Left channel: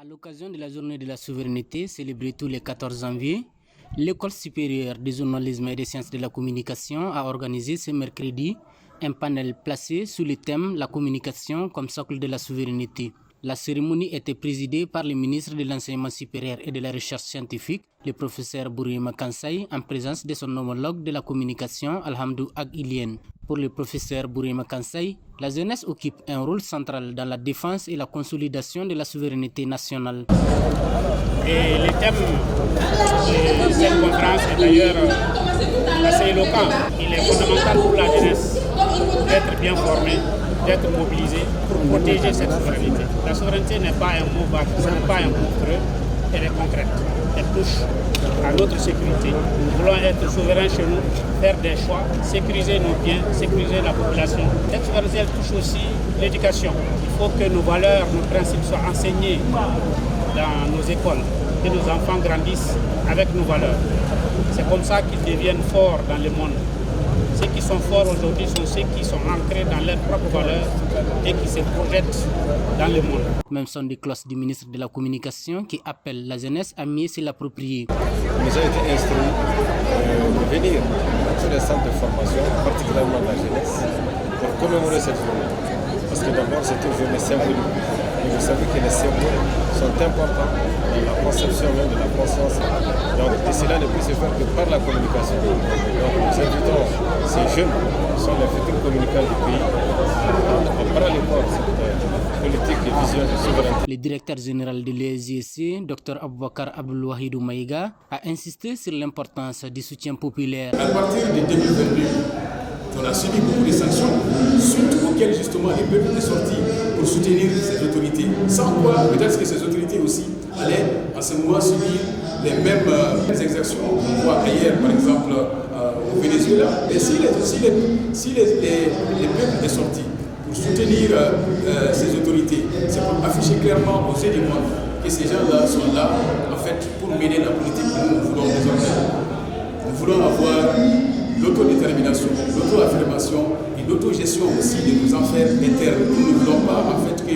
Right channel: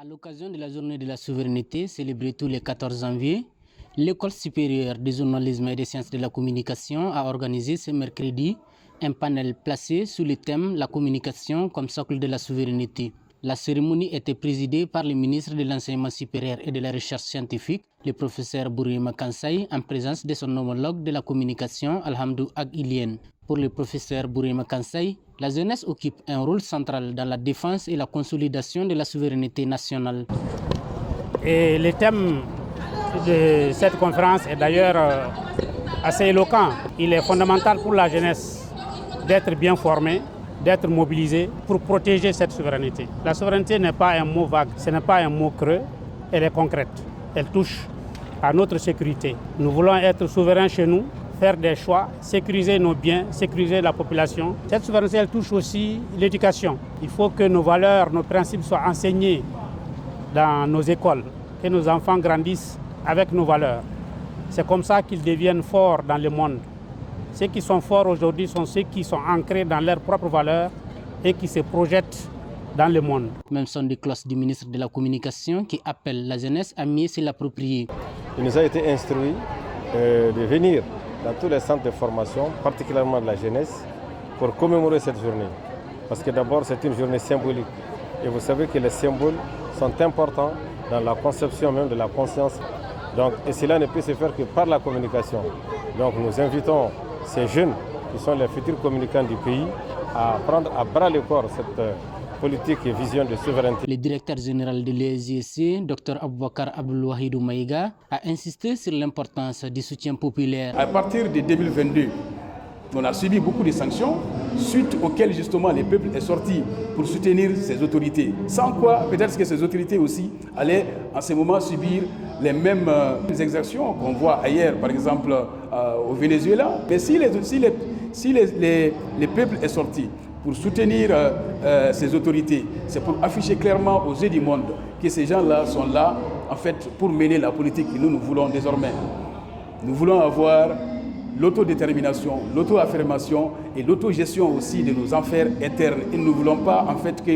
À l'occasion de la journée de la souveraineté célébrée tous les 14 janvier, l'École supérieure du journalisme et des sciences de la communication a organisé ce mercredi un panel placé sous le thème La communication comme socle de la souveraineté. La cérémonie était présidée par le ministre de l'Enseignement supérieur et de la Recherche scientifique, le professeur Bourima Kansai, en présence de son homologue de la communication, Alhamdou Ag-Ilien. Pour le professeur Bourima Kansai, la jeunesse occupe un rôle central dans la défense et la consolidation de la souveraineté nationale. Et le thème de cette conférence est d'ailleurs assez éloquent. Il est fondamental pour la jeunesse d'être bien formée, d'être mobilisée pour protéger cette souveraineté. La souveraineté n'est pas un mot vague, ce n'est pas un mot creux, elle est concrète. Elle touche à notre sécurité. Nous voulons être souverains chez nous, faire des choix, sécuriser nos biens, sécuriser la population. Cette souveraineté, elle touche aussi l'éducation. Il faut que nos valeurs, nos principes soient enseignés dans nos écoles, que nos enfants grandissent avec nos valeurs. C'est comme ça qu'ils deviennent forts dans le monde. Ceux qui sont forts aujourd'hui sont ceux qui sont ancrés dans leurs propres valeurs et qui se projettent dans le monde. Même son de cloche du ministre de la Communication qui appelle la jeunesse à mieux se l'approprier. Il nous a été instruit de venir dans tous les centres de formation, particulièrement de la jeunesse, pour commémorer cette journée. Parce que d'abord, c'est une journée symbolique. Et vous savez que les symboles sont importants dans la conception même de la conscience. Donc, et cela ne peut se faire que par la communication. Donc, nous invitons ces jeunes, qui sont les futurs communicants du pays, à prendre à bras le corps cette politique et vision de souveraineté. Le directeur général de l'ESJC, Dr Aboubakar Abdoulouahidou Maïga, a insisté sur l'importance du soutien populaire. À partir de 2022, on a subi beaucoup de sanctions, suite auxquelles justement les peuples étaient sortis pour soutenir ces autorités. Sans quoi, peut-être que ces autorités aussi allaient en ce moment subir les mêmes exactions qu'on voit ailleurs, par exemple au Venezuela. Et si les peuples étaient sortis pour soutenir ces autorités, c'est pour afficher clairement aux yeux du monde que ces gens-là sont là, en fait, pour mener la politique que nous voulons désormais. Nous voulons avoir l'autodétermination, l'auto-affirmation et l'autogestion aussi de nos affaires internes. Nous ne voulons pas en fait que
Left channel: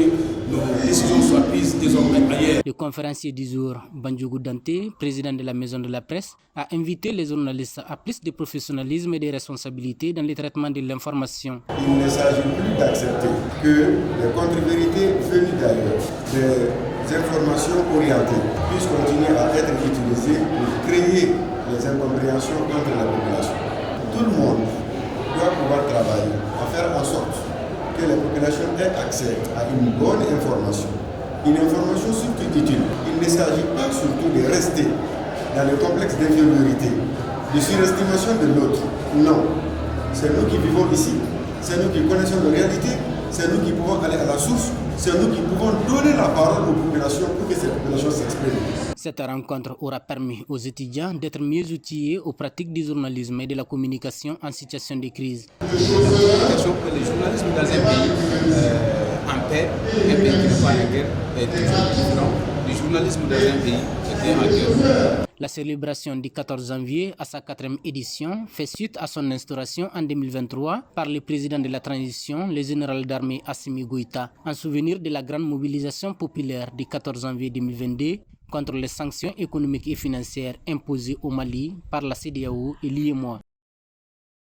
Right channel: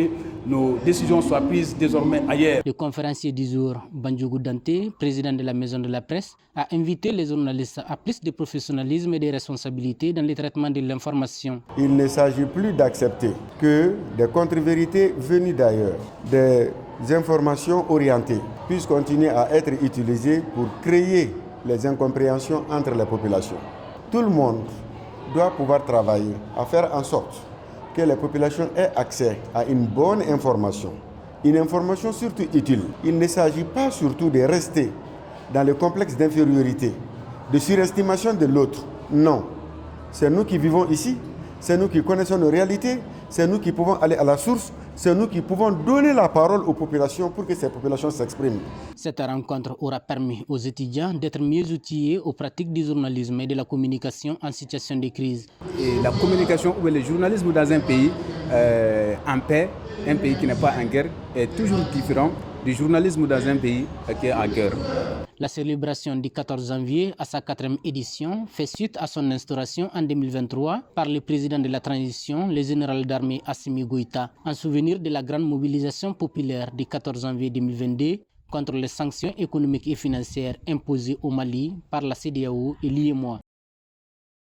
nos décisions soient prises désormais ailleurs. Le conférencier du jour, Bandjougou Dante, président de la Maison de la Presse, a invité les journalistes à plus de professionnalisme et de responsabilité dans le traitement de l'information. Il ne s'agit plus d'accepter que les contre-vérités venues d'ailleurs, des informations orientées, puissent continuer à être utilisées pour créer les incompréhensions entre la population. Tout le monde doit pouvoir travailler à faire en sorte que la population ait accès à une bonne information, une information surtout utile. Il ne s'agit pas surtout de rester dans le complexe d'infériorité, de surestimation de l'autre. Non, c'est nous qui vivons ici, c'est nous qui connaissons nos réalités, c'est nous qui pouvons aller à la source, c'est nous qui pouvons donner la parole aux populations pour que ces populations s'expriment. Cette rencontre aura permis aux étudiants d'être mieux outillés aux pratiques du journalisme et de la communication en situation de crise. La communication pour le journalisme dans un pays en paix, un pays qui n'est pas en guerre, est toujours différent du journalisme dans un pays qui est en guerre. La célébration du 14 janvier à sa 4e édition fait suite à son instauration en 2023 par le président de la transition, le général d'armée Assimi Goïta, en souvenir de la grande mobilisation populaire du 14 janvier 2022 contre les sanctions économiques et financières imposées au Mali par la CEDEAO et l'UEMOA.